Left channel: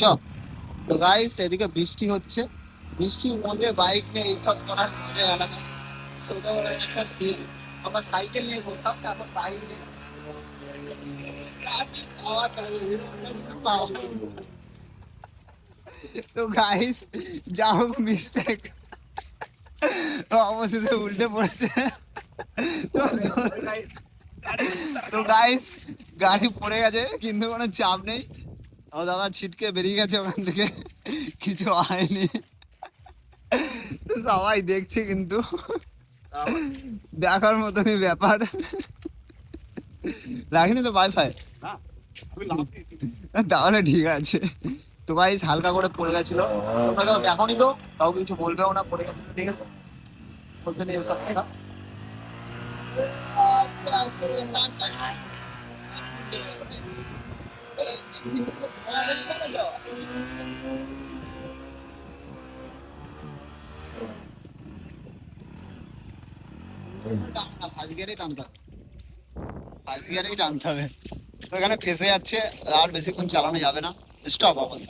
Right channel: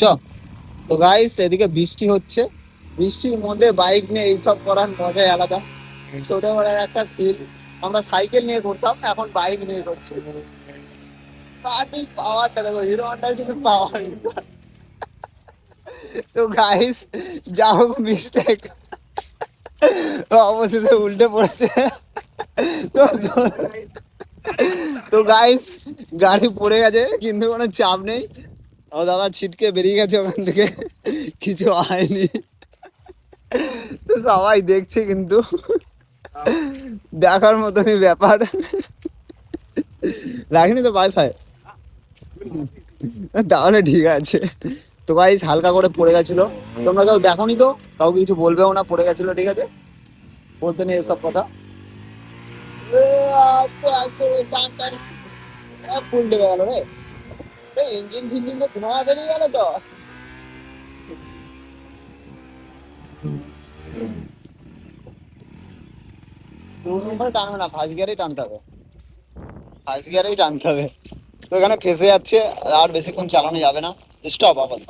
চ। তো গাইস এদিকে বৃষ্টি হচ্ছে, বৃষ্টির মধ্যে বাইক নিয়ে এইসব করার মজাই আলাদা। ছোটবেলায় একটা ফিল। আমরা সাইকেল নিয়ে ঘুরতাম, এখন বাইক নিয়ে ঘুরছি। পাওয়ারটা দেখো, হিরো হন্ডার কিন্তু পাওয়ার। তো গাইস যা হোক মিস্টেক, অবশেষে উল্টে পড়েছে। তো তো গাইস গাড়ি পড়ে গেছে কিন্তু কোনো চাপ নেই। ও দাদা ছিটকে বেরিয়ে গেছে ওখান থেকে, কিছু হয়নি। তো সবাই দেখছে কিন্তু, দেখার মতনই ব্যাপার। রাখিনি তো ওয়াইফাই, তাহলে ঠিক আছে। তো গাইস হালকা করে পড়ে গেছিল, তোমরা কেউ দেখোনি তো কাউকে কিছু বলবেও না, পড়ে গেছিল ঠিক আছে, বলতে নেই এসব কথা। আস্তে আস্তে উল্টে গেল রে, ইঞ্জিন ফিঞ্জিন তো ধোঁয়া বেরিয়ে গেল তো। টানবে না, ফার্স্ট গিয়ারেই টানতে হবে, ফার্স্ট গিয়ারেই টানতে হবে। তো এখানে ফেসে যাচ্ছে, আর বেশিক্ষণ চালানো যাবে না, স্টপ আবার।